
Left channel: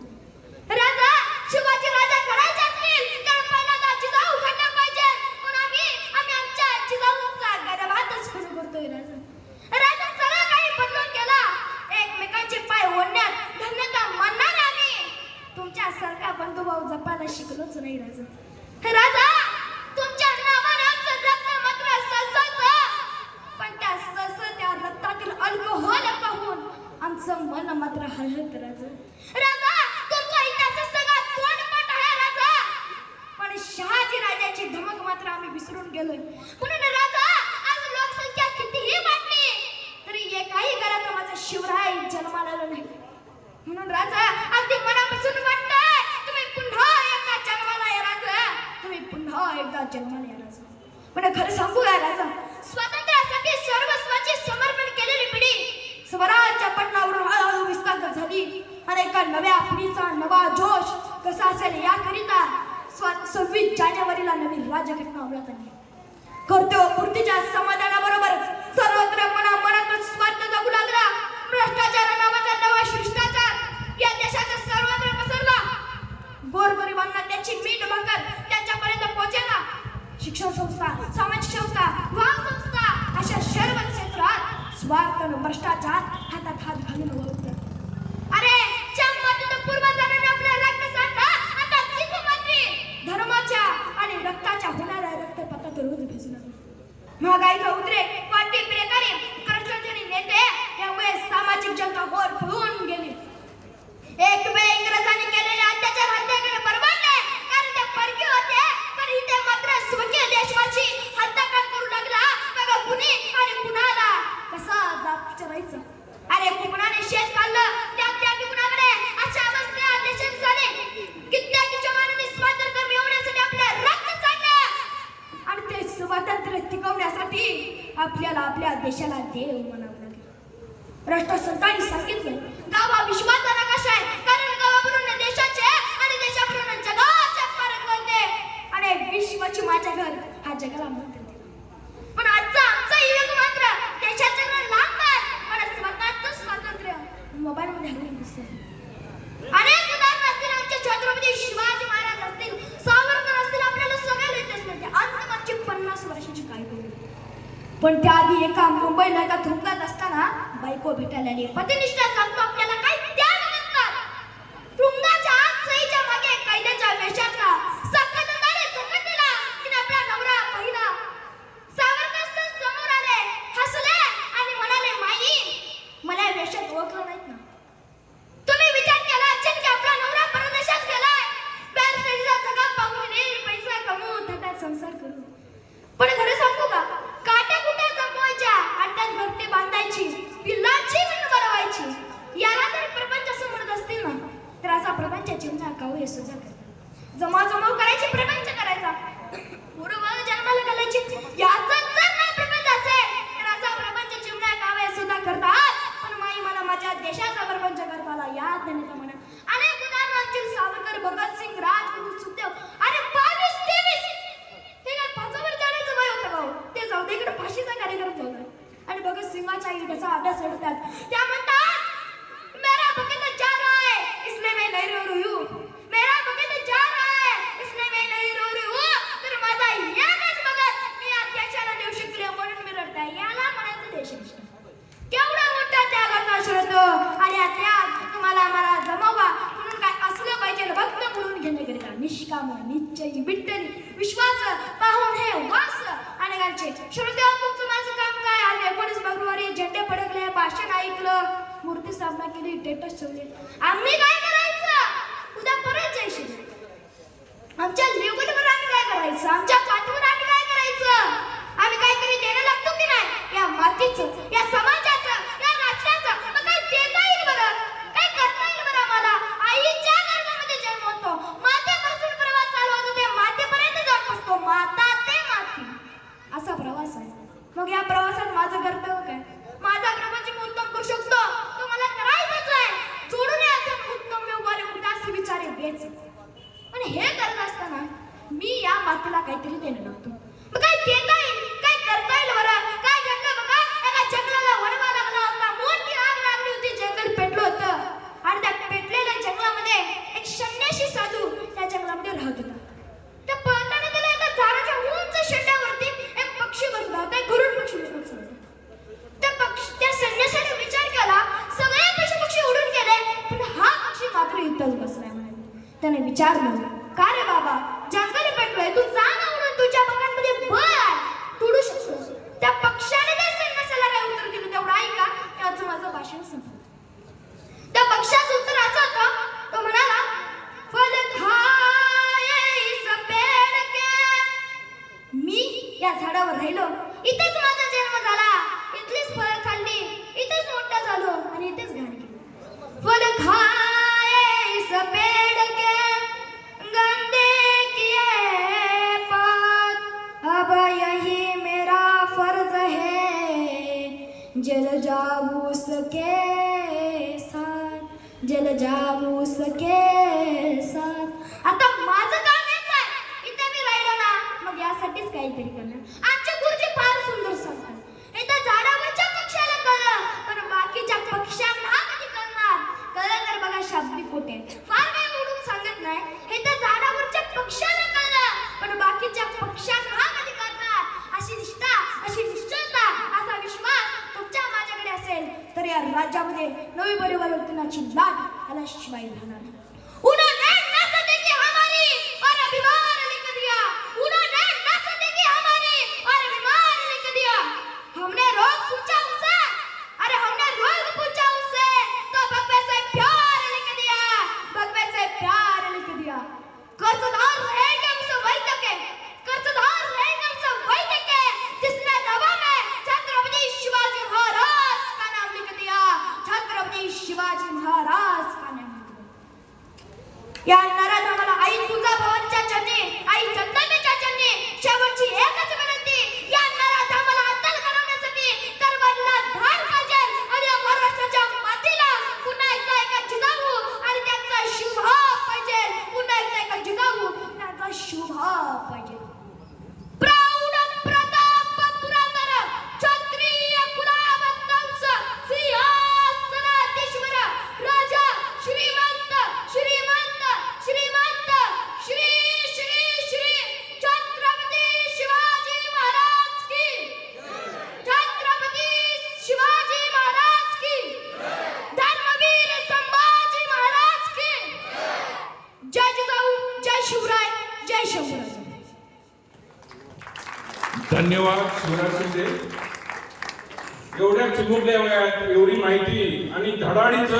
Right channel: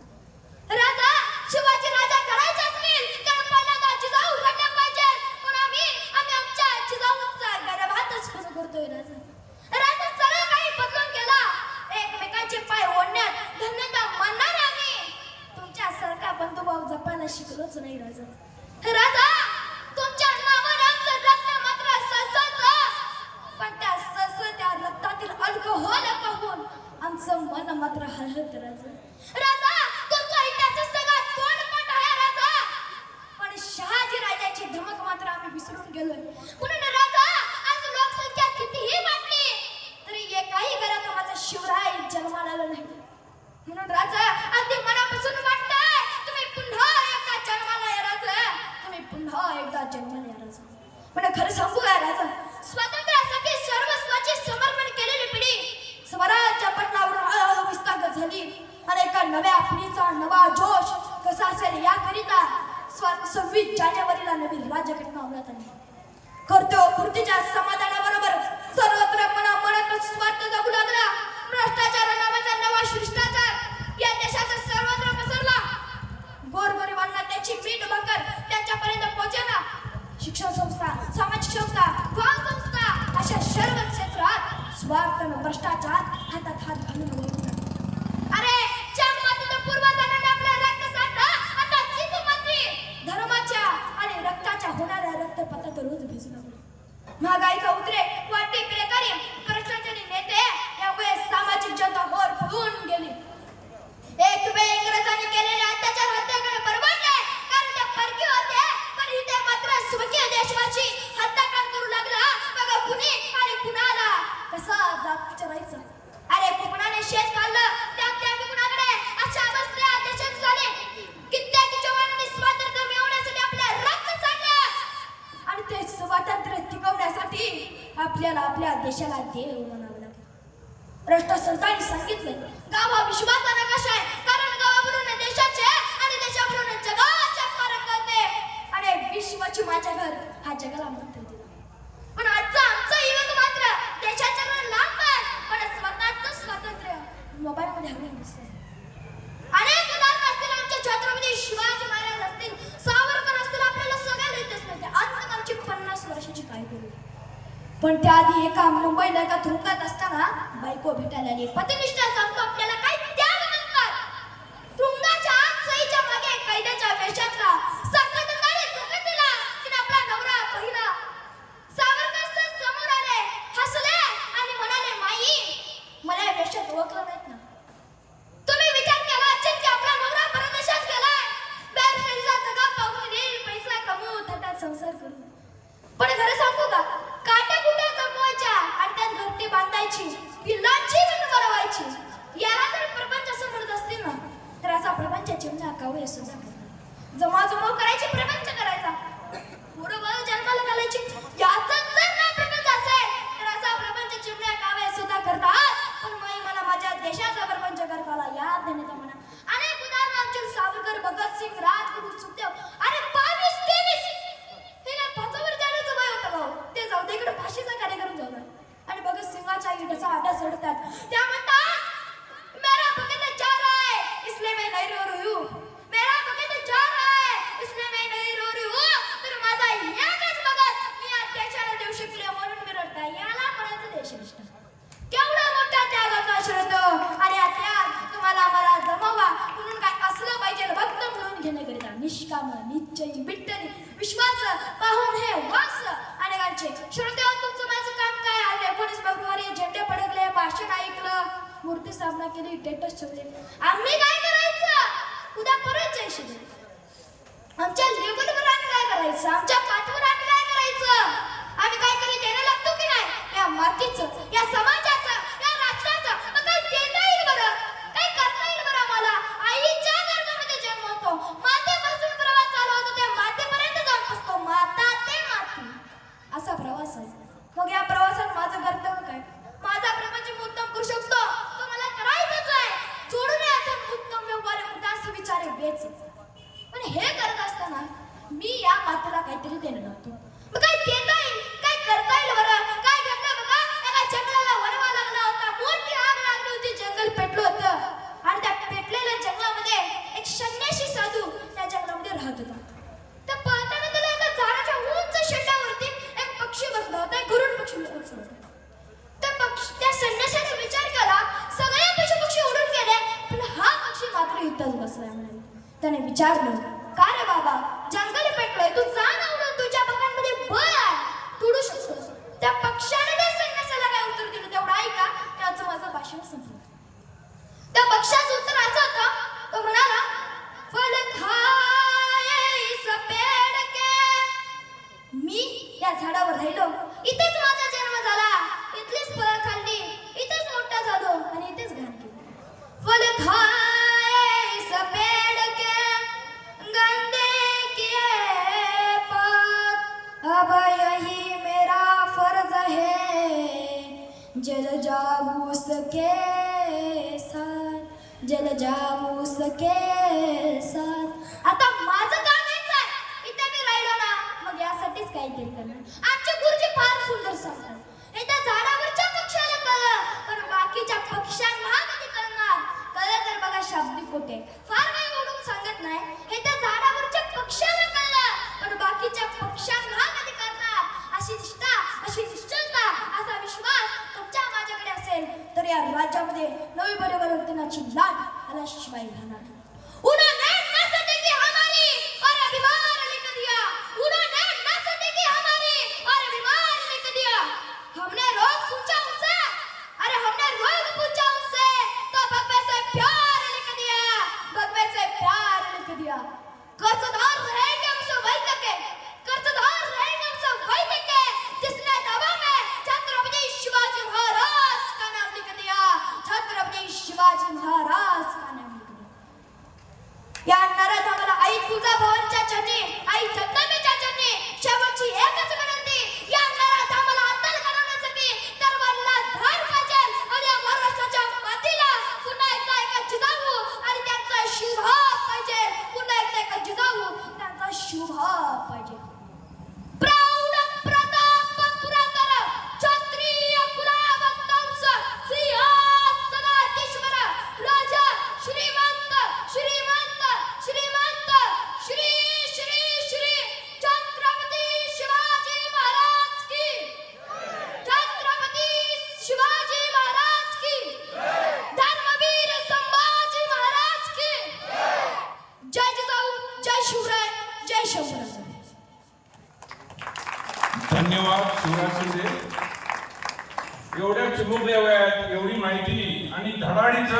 राजा, शिवाजी राजा करायचे असतील तर पहिल्यांदा जिजाऊ घडल्या पाहिजे, पण आम्ही आमच्या जिजाऊंचा गर्भातच सुरू करतोय राजा. राजा, सगळं काही बदलून गेला. एकमेकांचे पाय ओढण्यात धन्यता मानणारे आम्ही तुमच्यासारखा बंधुभाव जपायला शिकलोच नाही राजा. राजा, तुमच्या नावाने आमचं रक्त मात्र सळसळतं, पण त्या सळसळत्या रक्तातील अल्कोहोल पाहून आमचं मन मात्र हळहळतं राजा. राजा, तुमचा इतिहास सगळा तोंडपाठ आहे राजा, पण शहाजी राजाची धमक मात्र आम्ही विसरून गेलोय. म्हणून राजा, आज लोकसंख्या कितीही वाढली तरी एकाही घरात माझा शिवराय जन्माला आला नाही. म्हणून राजा, अगदी मनापासून वाटतंय तुम्ही पुन्हा एकदा जन्माला या राजा, तुम्ही पुन्हा एकदा जन्माला या राजा. पण खरं सांगू का राजा, स्वातंत्र्यासाठी सर्वस्वाचे समर्पण केलेली पिढी स्वराज्य पटलावरून हळूहळू विस्तार झाली आणि एका नव्या पिढीचा नवा जोश कसा असेल याकरिता 26 जानेवारीला नवीन राज्यघटना अंमलात आणली. कर्तव्यपूर्तीच्या समाधानाबरोबर सर्वत्र मनात स्वार्थ जगू लागला. भ्रष्टाचार नावाचा नवा शिष्टाचार या देशाचा सर्वत्र पसरला. गोरगरिबांना त्याची मीठ भाकर त्यांच्यापर्यंत पोहोचेना. शिक्षण संस्था, सामाजिक संस्था, वाहन संस्था अशा सर्व क्षेत्रात स्वार्थ आणि भ्रष्टाचार हातात हात घालून वावरतात. अरे जगमातेच्या पूर्वजांनी आपल्या रक्त सांडा आता जिजामाती धर्माच्या आणि रक्ताच्या होणाऱ्या रक्तपातात रोज भिजू लागले. महागाईचा उद्रेक, वाढती बेकारी, भ्रष्टाचारी नेते यामुळे सामाजिक जनता होर पळून गेली. एक वेळ इंग्रजांनी केलेले अत्याचार हत्याकडे बरबडले, कारण ते परकीय होते, पण इथे मात्र स्वकीय देशवासी हत्याकांड करू लागला. बघा कुणी आणि कुणाला कसा जात विचारायचं. अरे कुणाने शेत काढलं त्या कुणाकडे अशा अवस्था देशात झाले. कित्येक जवानांनी स्वातंत्र्य मिळवण्यासाठी आपल्या रक्त सांडलं आणि ते स्वातंत्र्य टिकवण्यासाठी आपल्याला आपल्या देशाला देव म्हणावं लागेल. राष्ट्रसंतांनी सांगितलं गाव हा विश्वाचा नकाशा आहे, कारण गावावरून देशाचे आणि देशावरून जगाचे फरक कळते आणि विश्वाची माझ्या घर हा जगाला मंत्र दिला. पण आमचा युवक मात्र देशाच्या लांब पण स्वतःचं स्वातंत्र्य मोबाईल मध्ये हरवून दिसतं. अनेक उदाहरण असतील, आमचे छत्रपती शिवाजी महाराज असतील, सावरकर असतील, आपल्याला सगळ्याला येतच नाही. अंत आमची 50 वर्षाची काय बोलली. पण त्याआधी एका मुंबईला एका तुरुंगात असताना बायको भेटायला आली. पतिनिष्ठा सांगतो आपल्याला काय त्याग म्हणतात. तुरुंगाच्या आत सईच्या मागे कैद्याच्या वेशातला सकटदारे चुकटीला तिने आपला नवरा पाहिला. सावरकर समोर आले, हसले आणि म्हणाले, माई मला या वेशात ओळखलं नाहीत ना. तुम्ही विचार केला असेल की आपला नवरा परदेशात गेलाय, बॅरिस्टरीचा जगा पाहून येईल, पैसा कमवू, थटात संसार करू. पण खरं सांगू का, काट्या कुट्या जमवायच्या आणि त्यात घरटी बांधायची, पिल्लांची पण बनवायची. याला जर प्रपंच असं म्हणत असतील ना, तर असा प्रपंच जीवना कावळे सुद्धा करतात. जमाजमाव करायची, प्रपंच करायचा, पोरं जन्माला घालायची. याचा जर नाही प्रपंच असेल तर असा प्रपंच जीवना कावळे सुद्धा करतात. पण माई मला माझ्या देशाचा प्रपंच करताला याद देण्याचा म्हणा. अनेक उदाहरण आमचे सावरकर, भगतसिंग, राजगुरू, सुखदेव, अरे 22-23 हे काय फासावर जाण्याचं वय होतं गाव. ते जाऊ दे, इकडे फाशीचा कार्यक्रम जाऊ दे. आणि भगतसिंगाच्या इटाचा आड्या चढतात. त्या म्हणतात मेरा भगत जा रहा है इसलिए मैं नहीं रो रही हूं, मेरा भगत जा रहा है इसलिए मैं नहीं रो रही हूं. तर माझा एकच भगत मी या देशाला देऊ शकले म्हणून मी रडताय. याला म्हणायचं देशनिष्ठा. केवढा मोठा त्यागाचा श्रद्ध आणि त्याग तुम्हाला आम्हाला जमावा म्हणून काय असलं पाहिजे. भक्त म्हणून घेण्याकरिता निष्काम, निश्चयी, विठ्ठली, विश्वास पाहून हे वास अनेकांचे. श्रोते, तुमचं माझं काम काय आहे? 19 फेब्रुवारी झेंडे फडकले, भाषण ऐकलं, मूर्ती स्थापना केली, स्टेटस ठेवले. आम्ही काय करायचं? उद्या परत जायचं. आमच्या लेवलवर आम्ही काय करायचं? आमच्या पाठवर आम्ही काय करायचं? आम्ही काहीतरी देणं लागतो की नाही या मातीचं, या समाजाचं, या राष्ट्राचं? मग काय देता येईल बरं? काय करता येईल बरं आम्हाला? आईच्या गर्भामध्ये जन्म होतो, मातेपासून प्रवास चालू होतो, ते मातेपर्यंत जाऊन पोचतो. माता ते माती असा प्रवास आहे. मग या प्रवासात माझं कर्तव्य काय? माझा प्रपंच मी उत्तम करू शकतो, तो मला करायचंच आहे. जोडून यातून उत्तम व्यवहार, उदास विचारे बेच. पण हे करत असताना मी या मातेला काहीतरी देणं लागतो. मग काय देता येईल? काय करता येईल बरं? काय घडलं बघा, एका जंगलाला वणवा लागला होता, मोठी आग लागली होती, जंगल पेटलं होतं आणि त्या पेटलेल्या जंगलामध्ये एक संन्यासी साधू त्या जंगलामध्ये राहत होता. त्या पळताना त्याला एका झाडाच्या उंच शेंड्यावरती एक पक्षी बसला होता, एक गरुड पक्षी बसला होता. त्या संन्यासाने विचार केला, सगळे पशुपक्षी उडून गेले पण हा पक्षी मात्र इथंच बसलाय म्हणाले. त्याने विचारलं, का रे बाबा, जंगल पेटलंय, तू जा ना म्हणून तुझ्या बगांमध्ये बळ तुडू शकतोस. त्या पक्षाने त्या संन्यासाला काय उत्तर दिलं तेवढं ऐका, त्याचं माझं भाषण संपलं. त्या पक्षाचं उत्तर असं होतं, तो म्हणाला, फल खाए इस पेड़ के. मी या झाडावर राहिलो, इथेच माझा जन्म झाला, इथलीच फळं खाल्ली, इथेच मोठा झालो आणि इथेच घाण केली. फल खाए इस पेड़ के गंदे किए पात, अब यही मेरा फर्ज है, जल जाऊं उसके साथ, जल जाऊं उसके साथ. आता माझं काम आहे काय? इथे मी राहिलो ना, मग यासाठीच काहीतरी करणार. आमचे गुरुजी फार सुंदर सांगतात, हे त्या झाडावरच्या पक्षाला कळलं पण बाकीच्या पक्ष्यांना कधी कळणार? कळलं तर बघा शाब्दिक कोटे, फार काही ओढून सांगत नाही. हे त्या झाडावरच्या पक्षाला कळलं पण बाकीच्या पक्ष्यांना कधी कळणार? अशी निष्ठा, अशी निश्चलता, असा विश्वास तुमच्या माझ्याकडे असेल तर या राज्यामध्ये नवी परिवर्तनाची लाट आल्याशिवाय राहणार. उन्होंने न सदेगी हमारी और अभिमान लिख दिया, उन्होंने न सदेगी हमारी और अभिमान लिख दिया. हमने रोज पूछा उनसे, अरे हमने रोज पूछा उनसे, तो भगवे से प्यार लिख दिया, भगवे से प्यार लिख दिया. कर्जदार रहेंगे हमसे वही तके, कर्जदार रहेंगे हमसे वही तके जिसने दबा में छत्रपति शिवाजी महाराज का नाम लिख दिया, छत्रपति शिवाजी महाराज का नाम लिख दिया. या नराधमाला आई तुळजाभवानीच्या चरणी, आई चंदनेच्या चरणी शेवटची एकच विनंती, या नराधमाला अद्दल घडवण्यासाठी करवडला धार पाहिजे आणि या महाराष्ट्रात शंभूराज. धन्यवाद शिवराज शिंदे. एवढ्या चिमुकल्या वयात एवढी माहिती आणि धडाडीचं